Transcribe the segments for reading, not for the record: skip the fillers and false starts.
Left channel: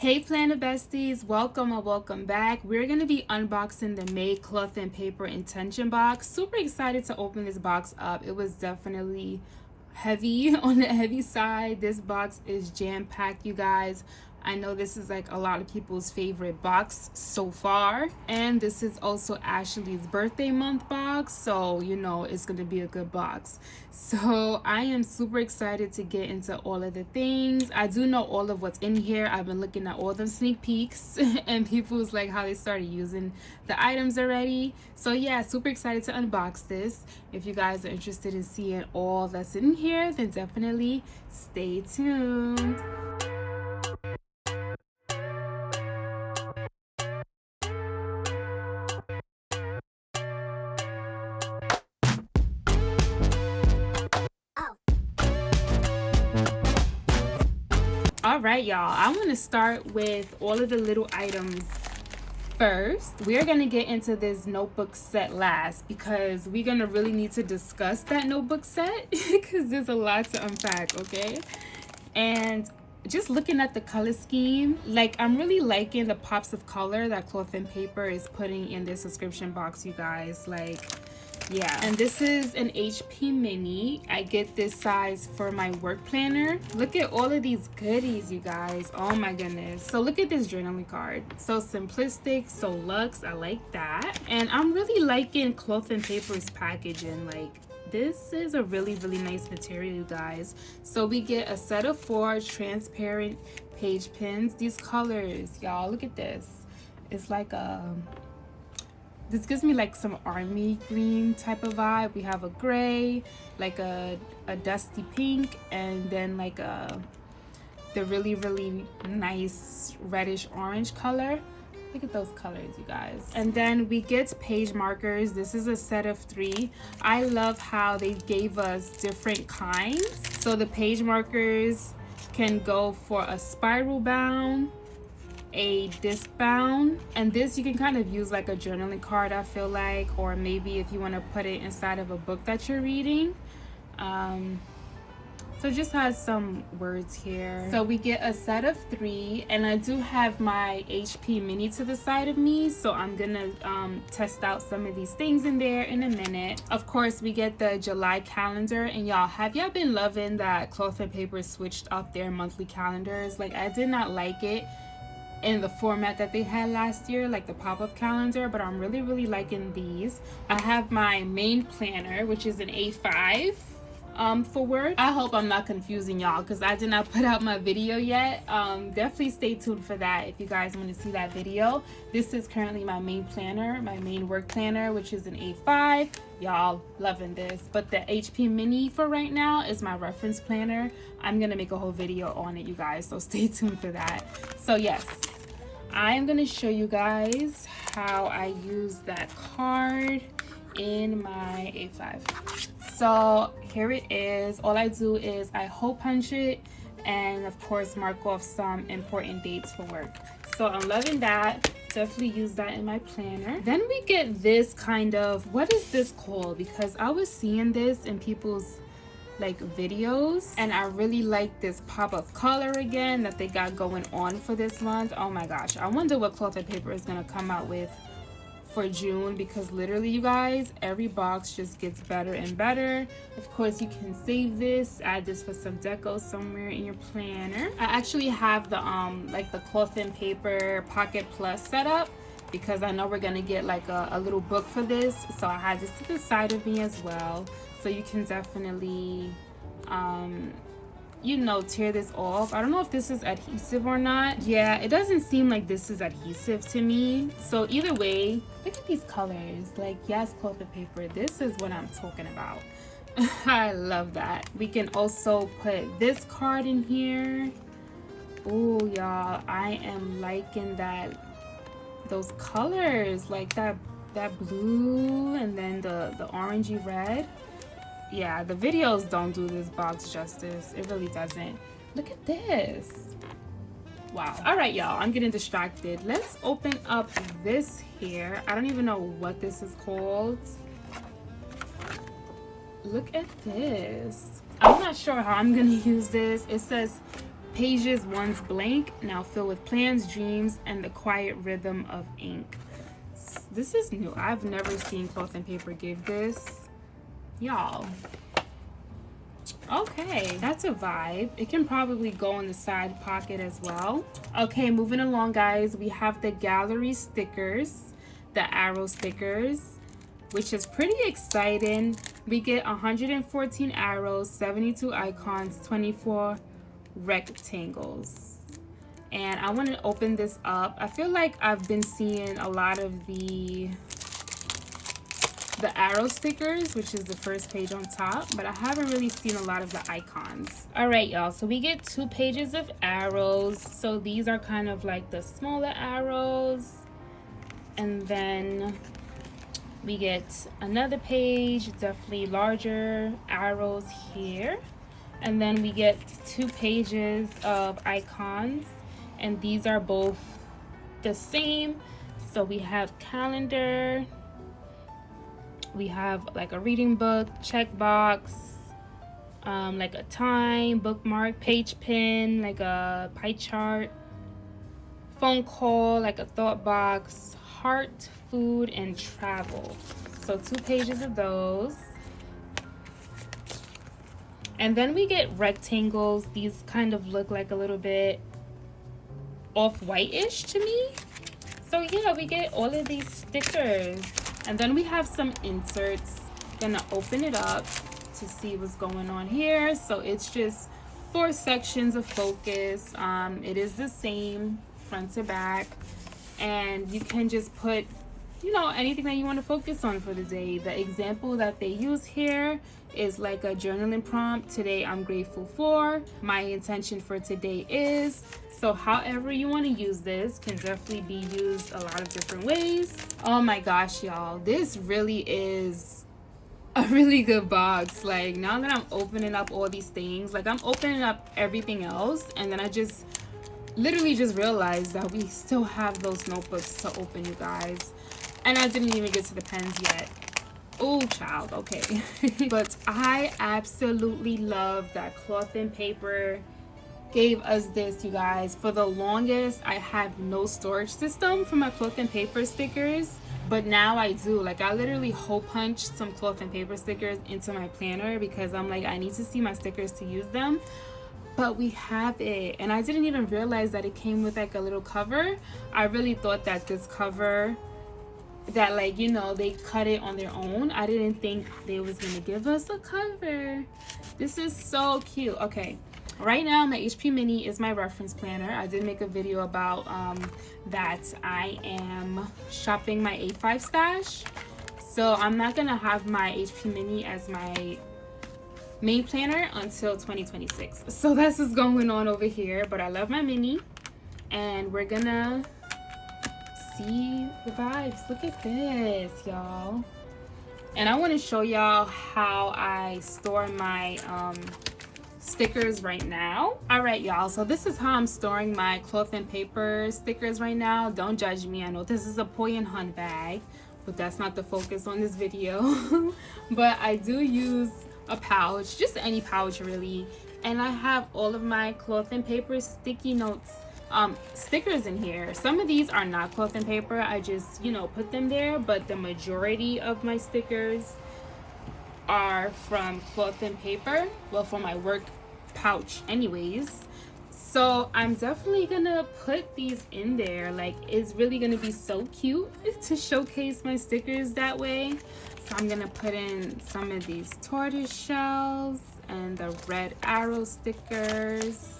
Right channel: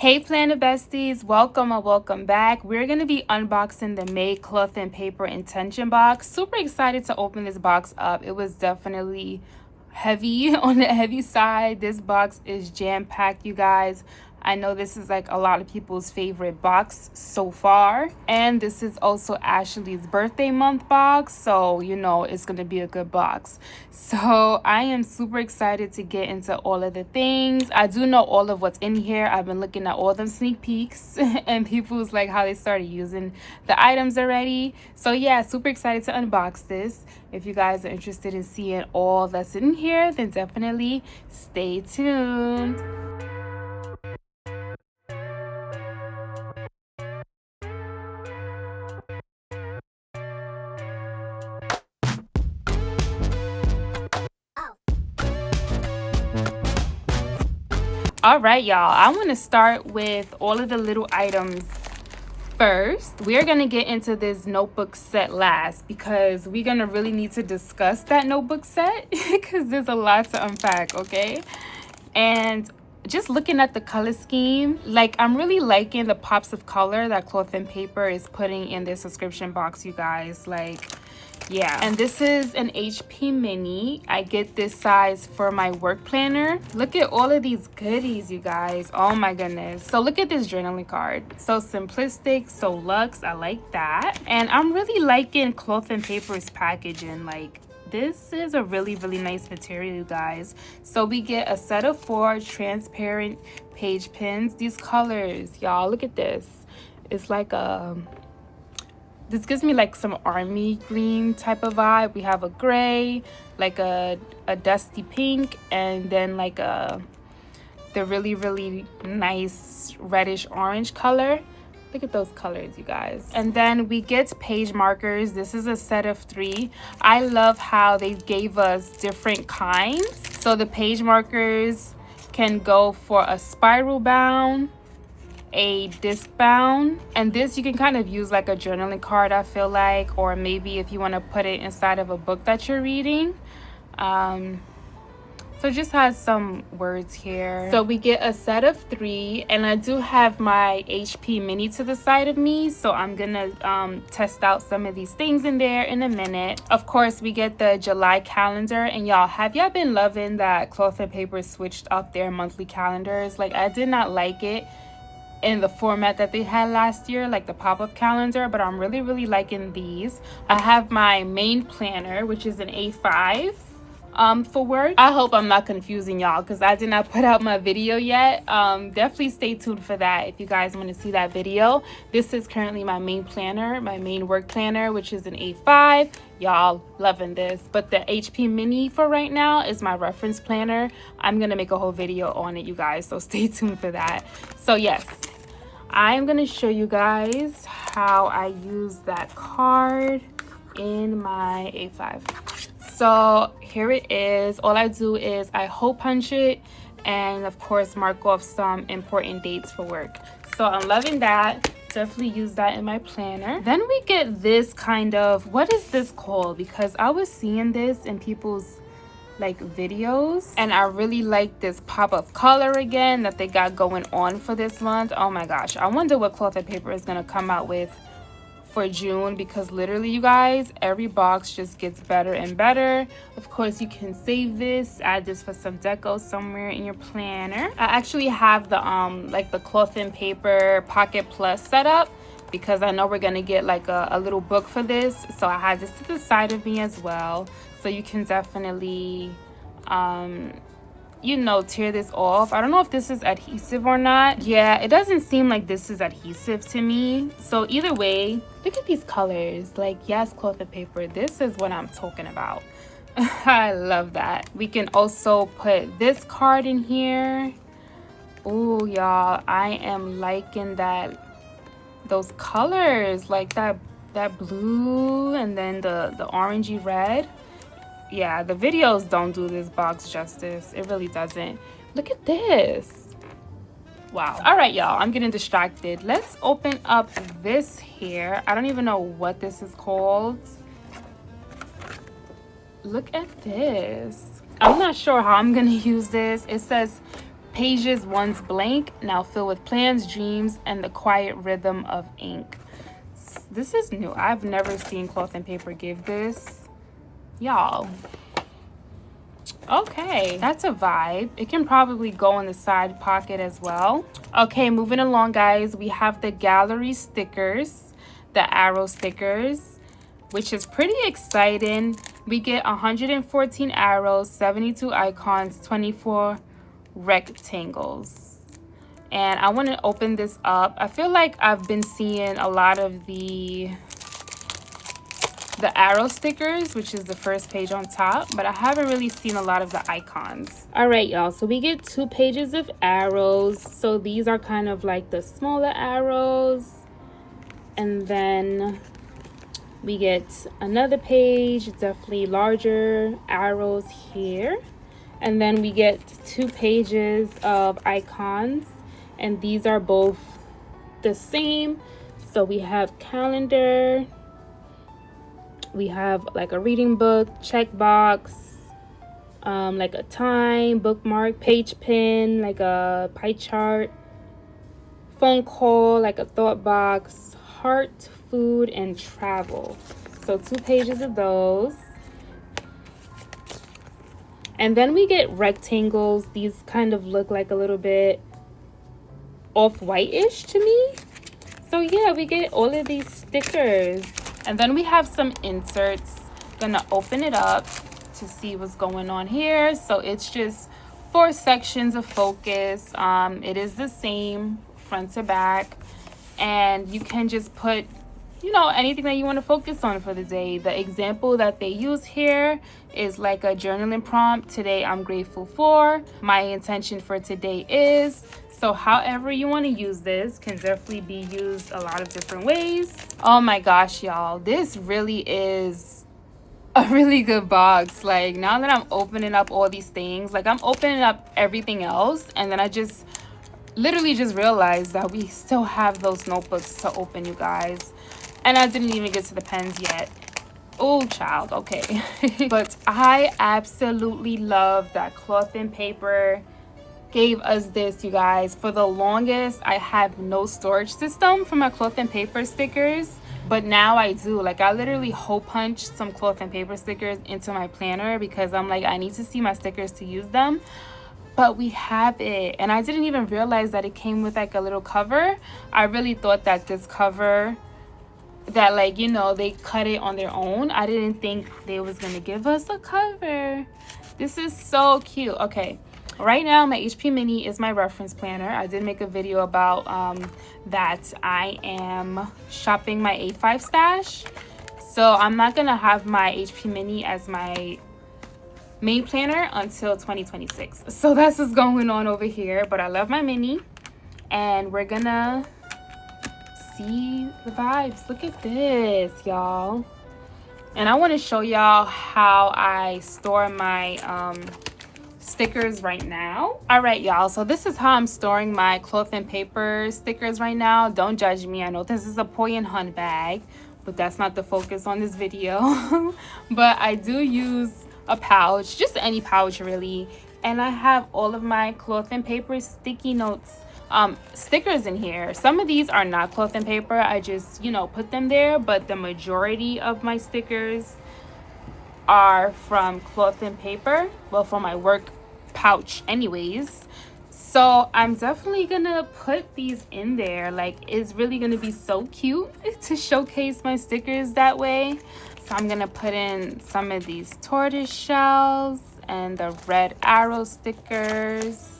Hey planner besties, welcome or welcome back. We're going to be unboxing the May cloth and paper intention box. Super excited to open this box up. It was definitely heavy, on the heavy side. This box is jam-packed, you guys. I know this is like a lot of people's favorite box so far, and this is also Ashley's birthday month box, so you know it's gonna be a good box. So I am super excited to get into all of the things. I do know all of what's in here. I've been looking at all them sneak peeks and people's like how they started using the items already. So yeah, super excited to unbox this. If you guys are interested in seeing all that's in here, then definitely stay tuned. All right, y'all, I want to start with all of the little items first. We're going to get into this notebook set last because we're going to really need to discuss that notebook set because there's a lot to unpack, okay? And just looking at the color scheme, like I'm really liking the pops of color that Cloth and Paper is putting in their subscription box, you guys. Like, yeah. And this is an HP mini. I get this size for my work planner. Look at all of these goodies, you guys. Oh my goodness. So look at this journaling card. So simplistic, so luxe. I like that. And I'm really liking Cloth and Paper's packaging. Like, this is a really nice material, you guys. So we get a set of 4 transparent page pins. These colors, y'all, look at this. It's like a... This gives me like some army green type of vibe. We have a gray, like a dusty pink, and then like the really nice reddish orange color. Look at those colors, you guys. And then we get page markers. This is a set of 3. I love how they gave us different kinds. So the page markers can go for a spiral bound, a disc bound, and this you can kind of use like a journaling card, I feel like, or maybe if you want to put it inside of a book that you're reading. So it just has some words here. So we get a set of 3, and I do have my HP mini to the side of me, so I'm gonna test out some of these things in there in a minute. Of course, we get the July calendar, and y'all, have y'all been loving that Cloth and Paper switched up their monthly calendars? Like, I did not like it in the format that they had last year, like the pop-up calendar, but I'm really liking these. I have my main planner, which is an A5 for work. I hope I'm not confusing y'all because I did not put out my video yet. Definitely stay tuned for that if you guys want to see that video. This is currently my main planner, my main work planner, which is an A5. Y'all, loving this. But the HP mini for right now is my reference planner. I'm gonna make a whole video on it, you guys, so stay tuned for that. So yes, I'm gonna show you guys how I use that card in my A5. So here it is. All I do is I hole punch it and of course mark off some important dates for work. So I'm loving that. Definitely use that in my planner. Then we get this kind of, what is this called? Because I was seeing this in people's like videos, and I really like this pop of color again that they got going on for this month. Oh my gosh, I wonder what Cloth and Paper is gonna come out with for June, because literally, you guys, every box just gets better and better. Of course, you can save this, add this for some deco somewhere in your planner. I actually have the like the Cloth and Paper Pocket Plus setup because I know we're gonna get like a little book for this, so I have this to the side of me as well, so you can definitely you know, tear this off. I don't know if this is adhesive or not. Yeah, it doesn't seem like this is adhesive to me. So either way, look at these colors. Like, yes, Cloth and Paper, this is what I'm talking about. I love that. We can also put this card in here. Oh, y'all, I am liking that, those colors, like that blue and then the orangey red. Yeah, the videos don't do this box justice. It really doesn't. Look at this. Wow. All right, y'all, I'm getting distracted. Let's open up this here. I don't even know what this is called. Look at this. I'm not sure how I'm gonna use this. It says pages once blank, now fill with plans, dreams, and the quiet rhythm of ink. This is new. I've never seen Cloth and Paper give this, y'all. Okay, that's a vibe. It can probably go in the side pocket as well. Okay, moving along, guys, we have the gallery stickers, the arrow stickers, which is pretty exciting. We get 114 arrows, 72 icons, 24 rectangles. And I want to open this up. I feel like I've been seeing a lot of the arrow stickers, which is the first page on top, but I haven't really seen a lot of the icons. All right, y'all, so we get 2 pages of arrows. So these are kind of like the smaller arrows, and then we get another page, definitely larger arrows here, and then we get 2 pages of icons, and these are both the same. So we have calendar, we have like a reading book, checkbox, like a time, bookmark, page pin, like a pie chart, phone call, like a thought box, heart, food, and travel. So 2 pages of those. And then we get rectangles. These kind of look like a little bit off-white-ish to me. So yeah, we get all of these stickers. And then we have some inserts. Gonna open it up to see what's going on here. So it's just 4 sections of focus. It is the same front to back, and you can just put, you know, anything that you want to focus on for the day. The example that they use here is like a journaling prompt. Today I'm grateful for. My intention for today is. So however you want to use this can definitely be used a lot of different ways. Oh my gosh, y'all, this really is a really good box. Like, now that I'm opening up all these things, like I'm opening up everything else, and then I just literally just realized that we still have those notebooks to open, you guys, and I didn't even get to the pens yet. Oh child, okay. But I absolutely love that Cloth and Paper gave us this, you guys. For the longest, I had no storage system for my Cloth and Paper stickers, but now I do. Like, I literally hole punched some Cloth and Paper stickers into my planner because I'm like, I need to see my stickers to use them. But we have it, and I didn't even realize that it came with like a little cover. I really thought that this cover, that, like, you know, they cut it on their own. I didn't think they was gonna give us a cover. This is so cute. Okay, right now my HP Mini is my reference planner. I did make a video about that I am shopping my A5 stash, so I'm not gonna have my HP Mini as my main planner until 2026. So that's what's going on over here. But I love my Mini, and we're gonna see the vibes. Look at this, y'all. And I want to show y'all how I store my stickers right now. All right, y'all, so this is how I'm storing my Cloth and Paper stickers right now. Don't judge me. I know this is a Poi and Hun bag, but that's not the focus on this video. But I do use a pouch, just any pouch really, and I have all of my Cloth and Paper sticky notes stickers in here. Some of these are not Cloth and Paper. I just, you know, put them there, but the majority of my stickers are from Cloth and Paper, well, from my work pouch anyways. So I'm definitely gonna put these in there. Like, it's really gonna be so cute to showcase my stickers that way. So I'm gonna put in some of these tortoise shells and the red arrow stickers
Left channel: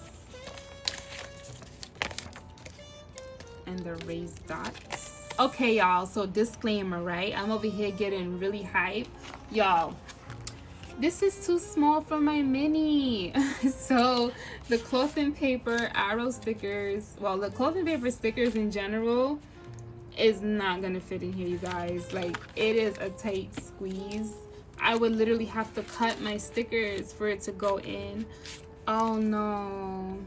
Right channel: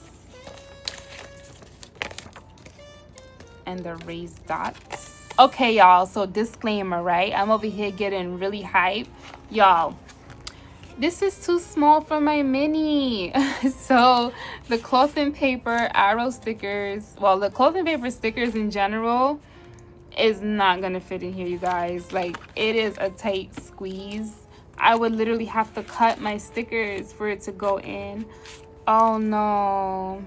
and the raised dots. Okay, y'all, so disclaimer, right? I'm over here getting really hype. Y'all, this is too small for my Mini. So the Cloth and Paper arrow stickers, well, the Cloth and Paper stickers in general is not gonna fit in here, you guys. Like, it is a tight squeeze. I would literally have to cut my stickers for it to go in. Oh no.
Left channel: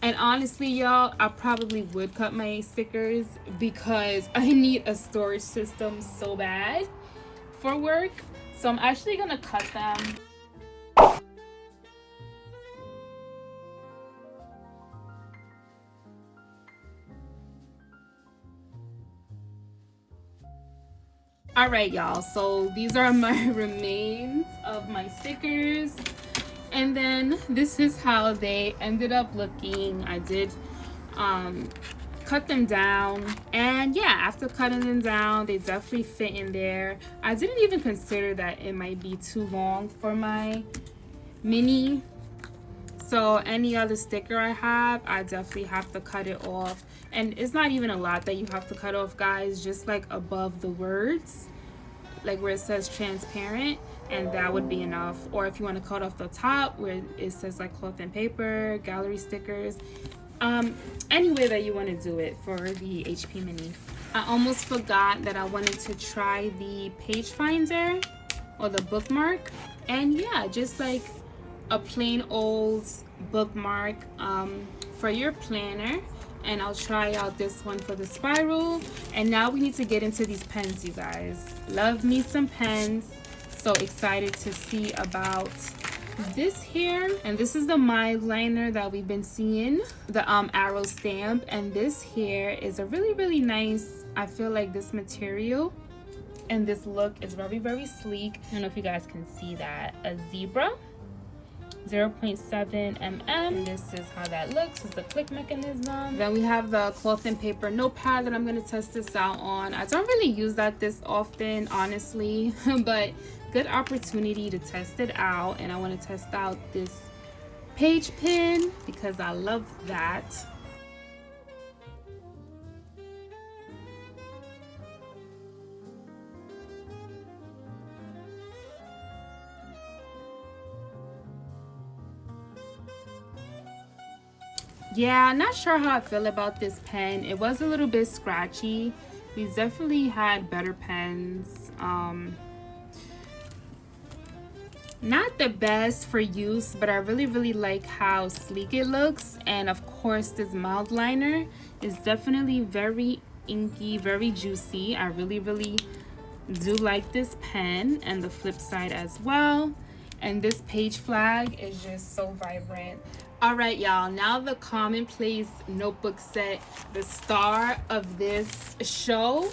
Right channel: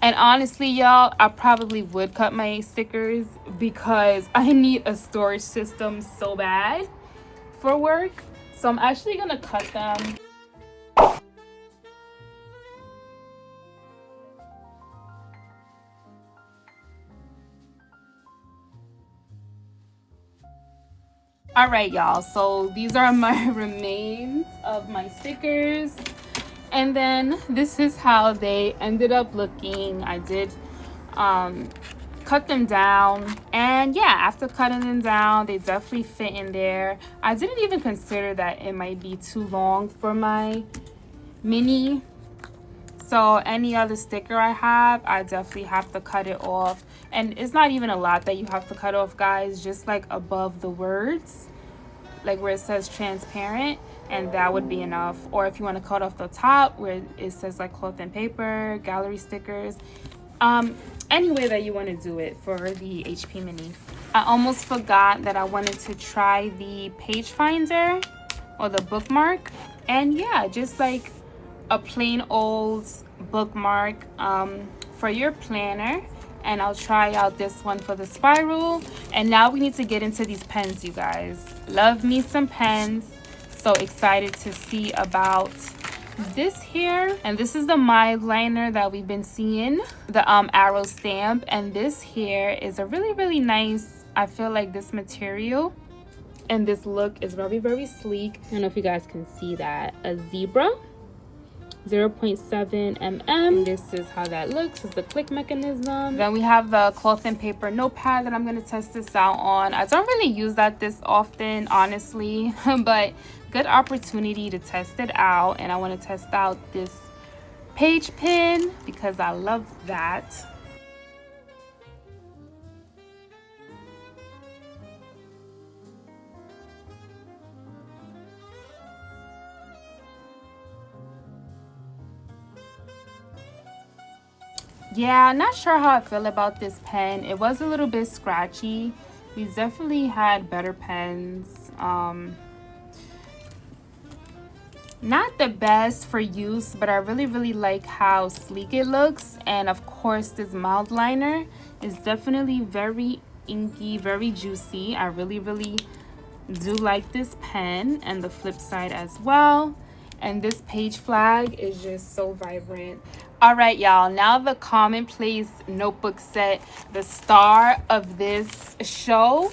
And honestly, y'all, I probably would cut my stickers because I need a storage system so bad for work. So I'm actually gonna cut them. All right, y'all, so these are my remains of my stickers, and then this is how they ended up looking. I did cut them down, and yeah, after cutting them down, they definitely fit in there. I didn't even consider that it might be too long for my mini, so any other sticker I have, I definitely have to cut it off. And it's not even a lot that you have to cut off, guys, just like above the words, like where it says transparent, and that would be enough. Or if you want to cut off the top where it says like cloth and paper, gallery stickers, any way that you want to do it for the HP mini. I almost forgot that I wanted to try the page finder or the bookmark, and yeah, just like a plain old bookmark for your planner. And I'll try out this one for the spiral. And now we need to get into these pens, you guys. Love me some pens. So excited to see about this here. And this is the mild liner that we've been seeing, the arrow stamp. And this here is a really nice, I feel like, this material and this look is very sleek. I don't know if you guys can see that. A zebra, 0.7 mm. This is how that looks. It's the click mechanism. Then we have the cloth and paper notepad that I'm going to test this out on. I don't really use that this often, honestly, but good opportunity to test it out. And I want to test out this page pen because I love that. Yeah, not sure how I feel about this pen. It was a little bit scratchy. We definitely had better pens. Not the best for use, but I really like how sleek it looks. And of course, this mild liner is definitely very inky, very juicy. I really do like this pen, and the flip side as well. And this page flag is just so vibrant. All right, y'all, now the commonplace notebook set, the star of this show.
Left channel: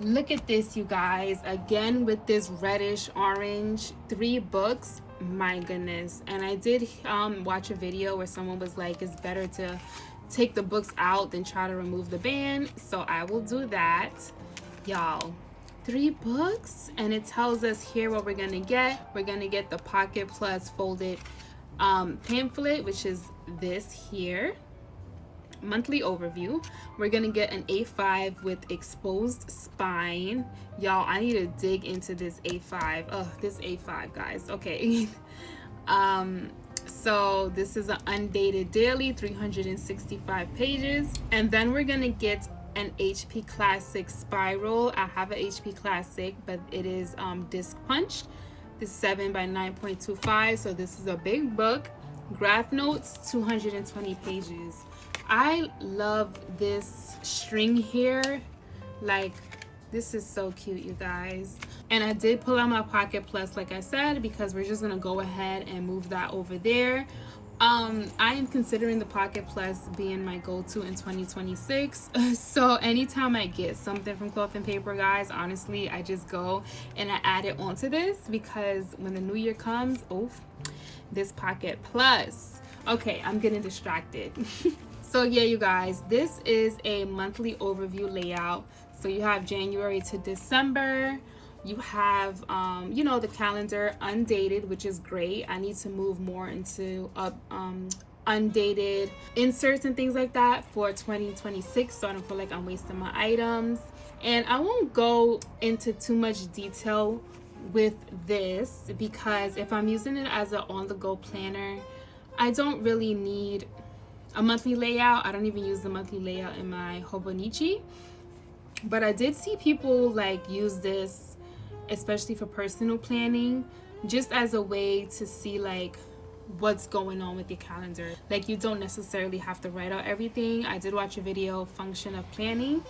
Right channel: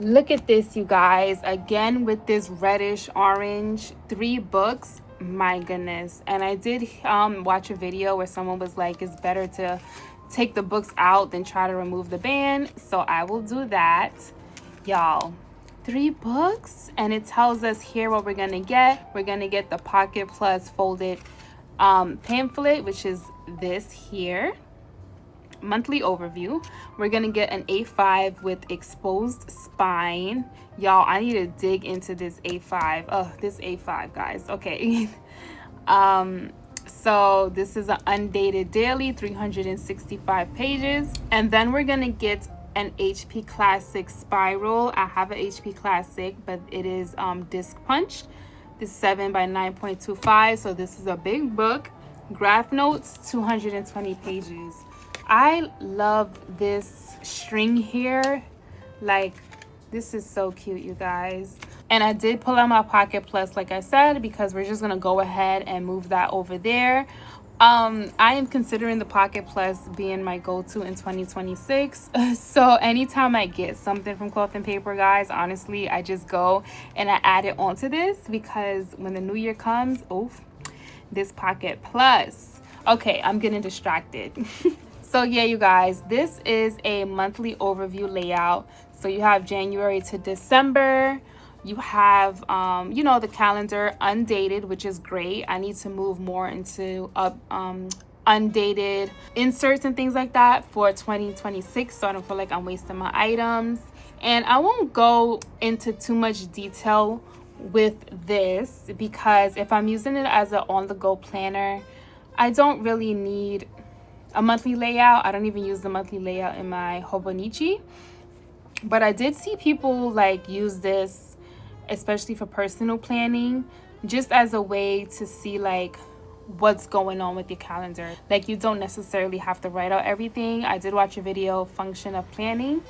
Look at this, you guys, again with this reddish orange, 3 books. My goodness. And I did watch a video where someone was like, it's better to take the books out than try to remove the band. So I will do that, y'all. 3 books, and it tells us here what we're gonna get. We're gonna get the Pocket Plus folded pamphlet, which is this here, monthly overview. We're gonna get an A5 with exposed spine. Y'all, I need to dig into this A5. Oh, this A5, guys. Okay. So this is an undated daily, 365 pages. And then we're gonna get an HP Classic spiral. I have an HP Classic, but it is disc punched. This 7 by 9.25, so this is a big book. Graph notes, 220 pages. I love this string here. Like, this is so cute, you guys. And I did pull out my Pocket Plus, like I said, because we're just gonna go ahead and move that over there. I am considering the Pocket Plus being my go-to in 2026. So anytime I get something from Cloth and Paper, guys, honestly, I just go and I add it onto this, because when the new year comes, oof, this Pocket Plus. Okay, I'm getting distracted. So yeah, you guys, this is a monthly overview layout. So you have January to December. You have, you know, the calendar undated, which is great. I need to move more into undated inserts and things like that for 2026, so I don't feel like I'm wasting my items. And I won't go into too much detail with this, because if I'm using it as an on-the-go planner, I don't really need a monthly layout. I don't even use the monthly layout in my Hobonichi. But I did see people like use this, especially for personal planning, just as a way to see like what's going on with your calendar. Like, you don't necessarily have to write out everything. I did watch a video, Function of Planning.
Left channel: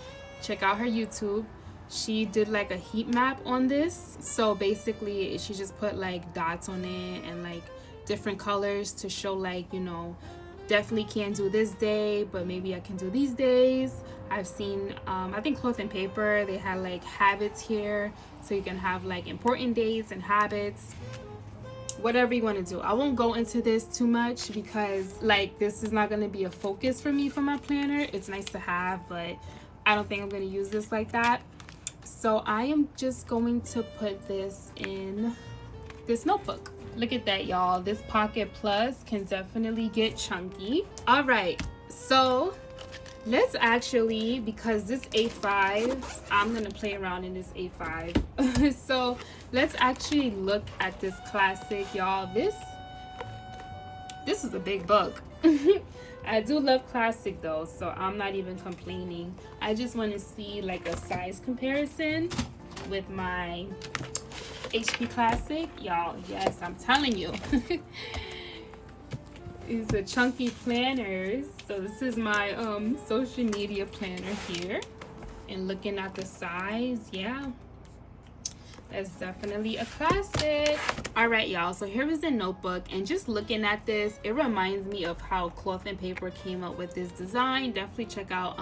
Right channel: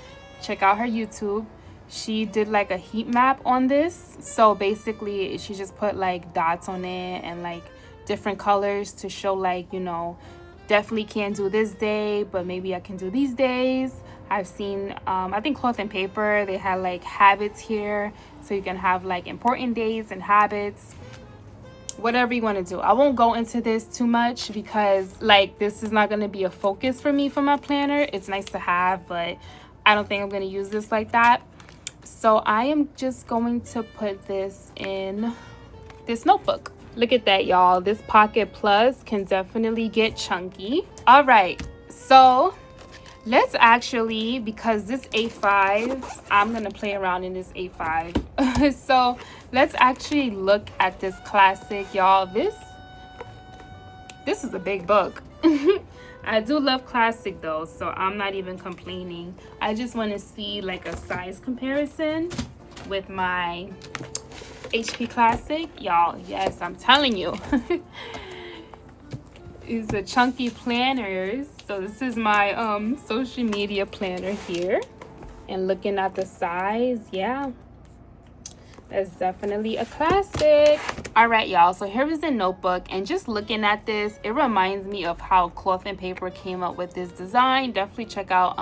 Check out her YouTube. She did like a heat map on this. So basically she just put like dots on it and like different colors to show like, you know, definitely can't do this day, but maybe I can do these days. I've seen I think Cloth and Paper, they had like habits here, so you can have like important days and habits, whatever you want to do. I won't go into this too much because like this is not going to be a focus for me for my planner. It's nice to have, but I don't think I'm going to use this like that. So I am just going to put this in this notebook. Look at that, y'all. This Pocket Plus can definitely get chunky. All right, so let's actually, because this A5, I'm gonna play around in this A5. So let's actually look at this classic, y'all. This is a big book. I do love classic though, so I'm not even complaining. I just want to see like a size comparison with my HP Classic, y'all. Yes, I'm telling you. It's a chunky planners. So this is my social media planner here, and looking at the size, yeah, that's definitely a classic. All right, y'all, so here is the notebook, and just looking at this, it reminds me of how Cloth and Paper came up with this design. Definitely check out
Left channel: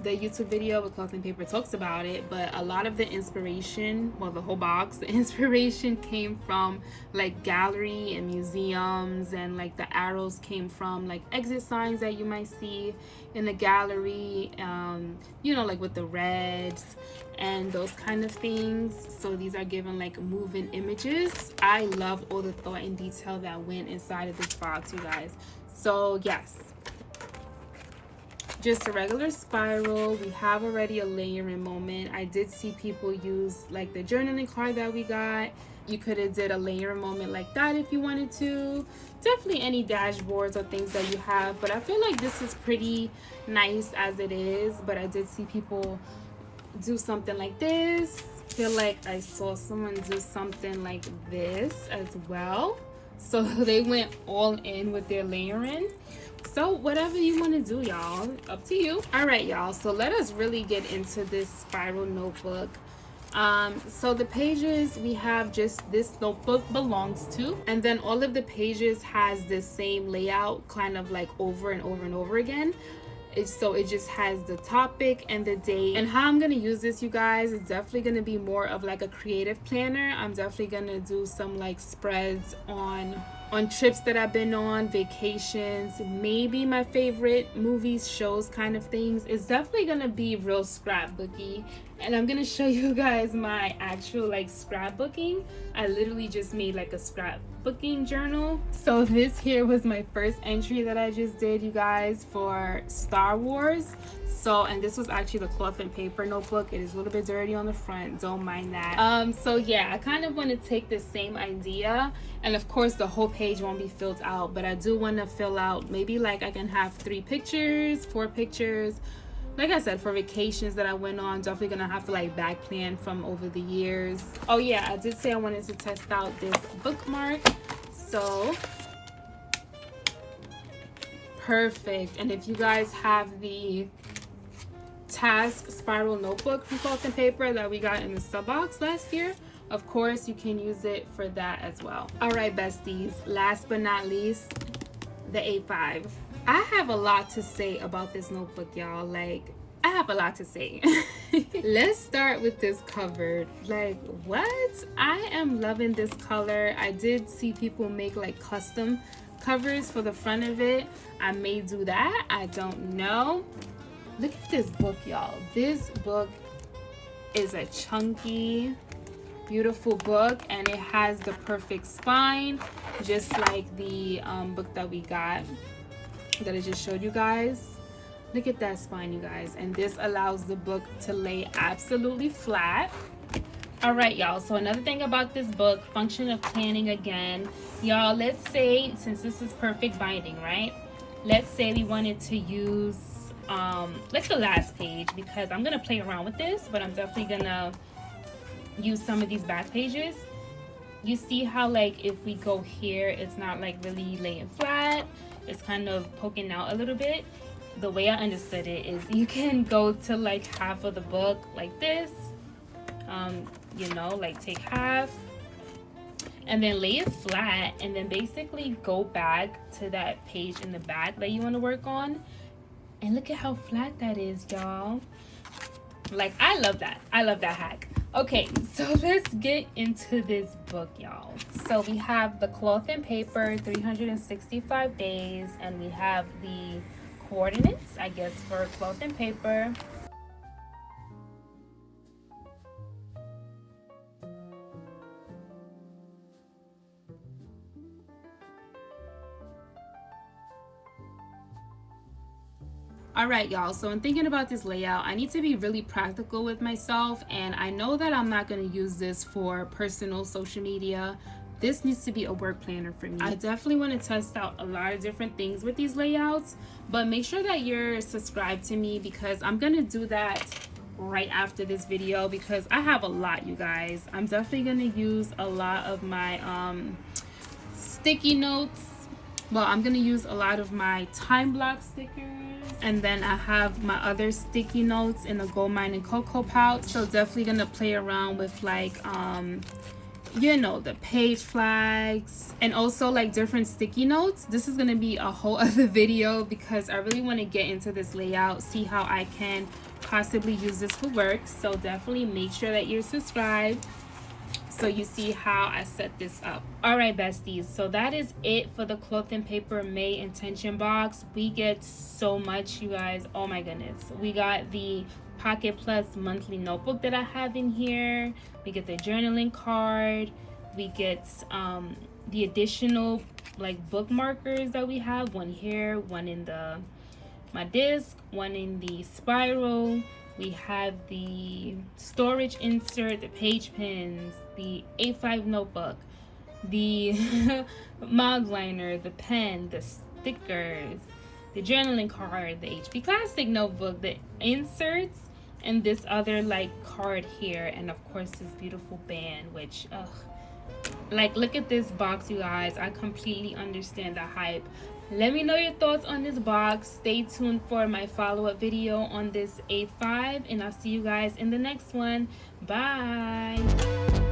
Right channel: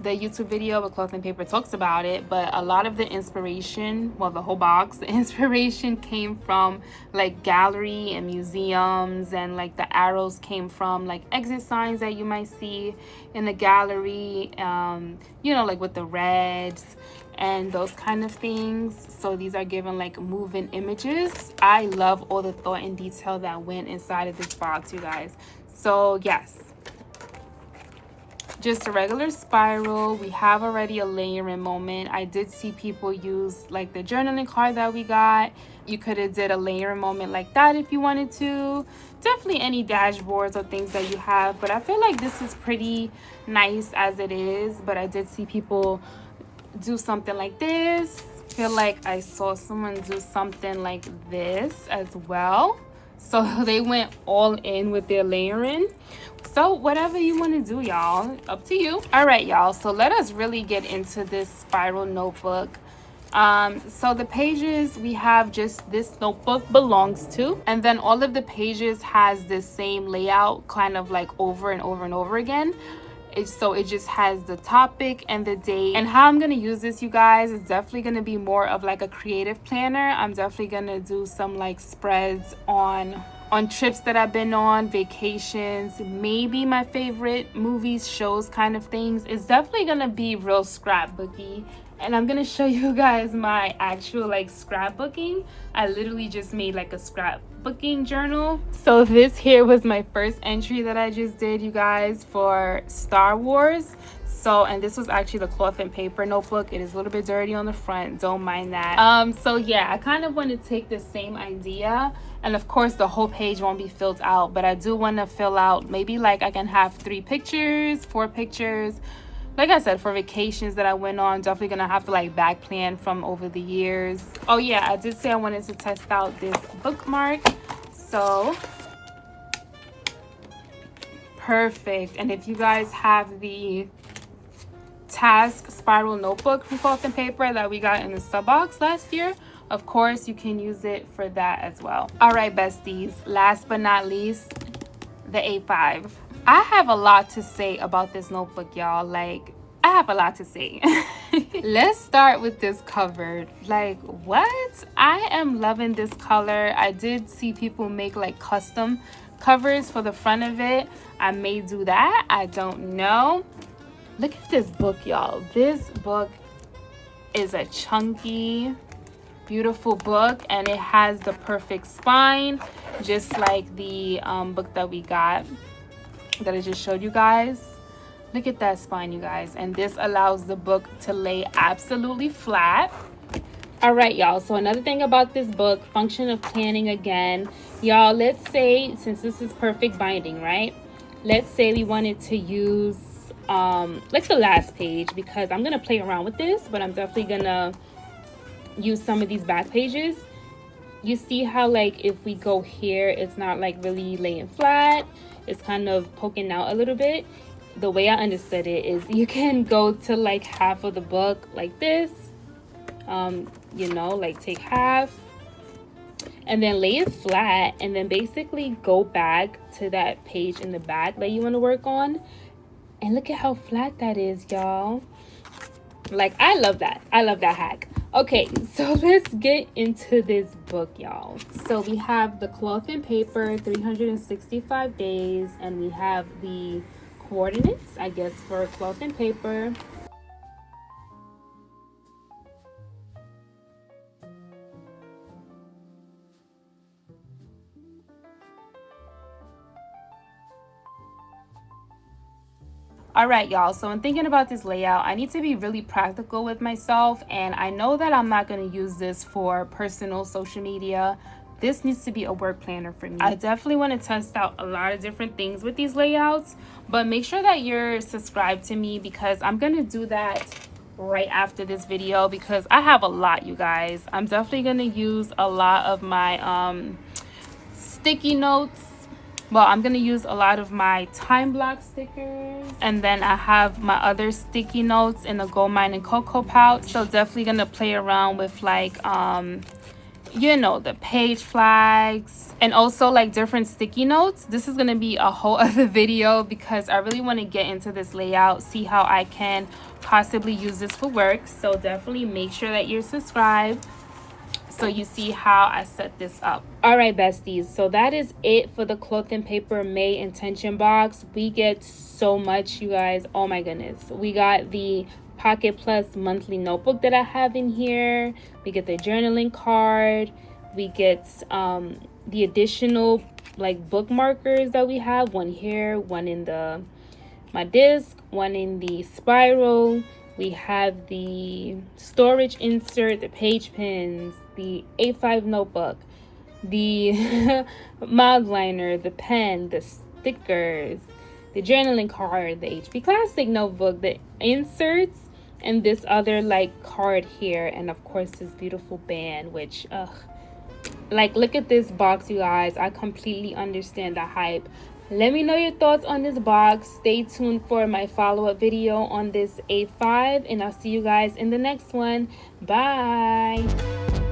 the YouTube video where Cloth and Paper talks about it, but a lot of the inspiration, well, the whole box, the inspiration came from like gallery and museums, and like the arrows came from like exit signs that you might see in the gallery, you know, like with the reds and those kind of things. So these are given like moving images. I love all the thought and detail that went inside of this box, you guys. So yes, just a regular spiral. We have already a layering moment. I did see people use like the journaling card that we got. You could have did a layering moment like that if you wanted to. Definitely any dashboards or things that you have, but I feel like this is pretty nice as it is. But I did see people do something like this. I feel like I saw someone do something like this as well. So they went all in with their layering. So whatever you want to do, y'all, up to you. All right, y'all, so let us really get into this spiral notebook. So the pages, we have just this notebook belongs to, and then all of the pages has the same layout, kind of like over and over and over again. So it just has the topic and the date. And how I'm going to use this, you guys, is definitely going to be more of like a creative planner. I'm definitely going to do some like spreads on trips that I've been on, vacations, maybe my favorite movies, shows, kind of things. It's definitely going to be real scrapbooky. And I'm going to show you guys my actual like scrapbooking. I literally just made like a scrapbooking journal. So this here was my first entry that I just did, you guys, for Star Wars. So, and this was actually the Cloth and Paper notebook. It is a little bit dirty on the front, don't mind that. So yeah, I kind of want to take the same idea, and of course the whole page won't be filled out, but I do want to fill out, maybe like I can have 3 pictures, 4 pictures. Like I said, for vacations that I went on, definitely gonna have to like back plan from over the years. Oh yeah, I did say I wanted to test out this bookmark. So perfect. And if you guys have the task spiral notebook from Cloth and Paper that we got in the sub box last year, of course you can use it for that as well. All right, besties, last but not least, the A5. I have a lot to say about this notebook, y'all. Like, I have a lot to say. Let's start with this cover. Like, what? I am loving this color. I did see people make like custom covers for the front of it. I may do that, I don't know. Look at this book, y'all. This book is a chunky, beautiful book, and it has the perfect spine, just like the book that we got, that I just showed you guys. Look at that spine, you guys. And this allows the book to lay absolutely flat. All right, y'all, so another thing about this book, function of planning again, y'all. Let's say, since this is perfect binding, right, let's say we wanted to use like the last page, because I'm gonna play around with this, but I'm definitely gonna use some of these back pages. You see how like if we go here, it's not like really laying flat, it's kind of poking out a little bit. The way I understood it is you can go to like half of the book like this, you know, like take half, and then lay it flat, and then basically go back to that page in the back that you want to work on. And look at how flat that is, y'all. Like, I love that hack. Okay, so let's get into this book, y'all. So we have the cloth and paper, 365 days, and we have the coordinates, I guess, for cloth and paper. All right, y'all, so in thinking about this layout, I need to be really practical with myself, and I know that I'm not going to use this for personal social media. This needs to be a work planner for me. I definitely want to test out a lot of different things with these layouts, but make sure that you're subscribed to me, because I'm going to do that right after this video, because I have a lot, you guys. I'm definitely going to use a lot of my sticky notes. Well, I'm going to use a lot of my time block stickers. And then I have my other sticky notes in the Gold Mine and Cocoa pouch. So definitely going to play around with like, you know, the page flags and also like different sticky notes. This is going to be a whole other video, because I really want to get into this layout, see how I can possibly use this for work. So definitely make sure that you're subscribed, so you see how I set this up. All right, besties, so that is it for the cloth and paper May intention box. We get so much, you guys. Oh my goodness. We got the Pocket Plus monthly notebook that I have in here. We get the journaling card. We get the additional like bookmarkers that we have, one here, one in my disc, one in the spiral. We have the storage insert, the page pins, the A5 notebook, the mug liner, the pen, the stickers, the journaling card, the HP Classic notebook, the inserts, and this other like card here, and of course this beautiful band, which like, look at this box, you guys. I completely understand the hype. Let me know your thoughts on this box. Stay tuned for my follow-up video on this A5, and I'll see you guys in the next one. Bye.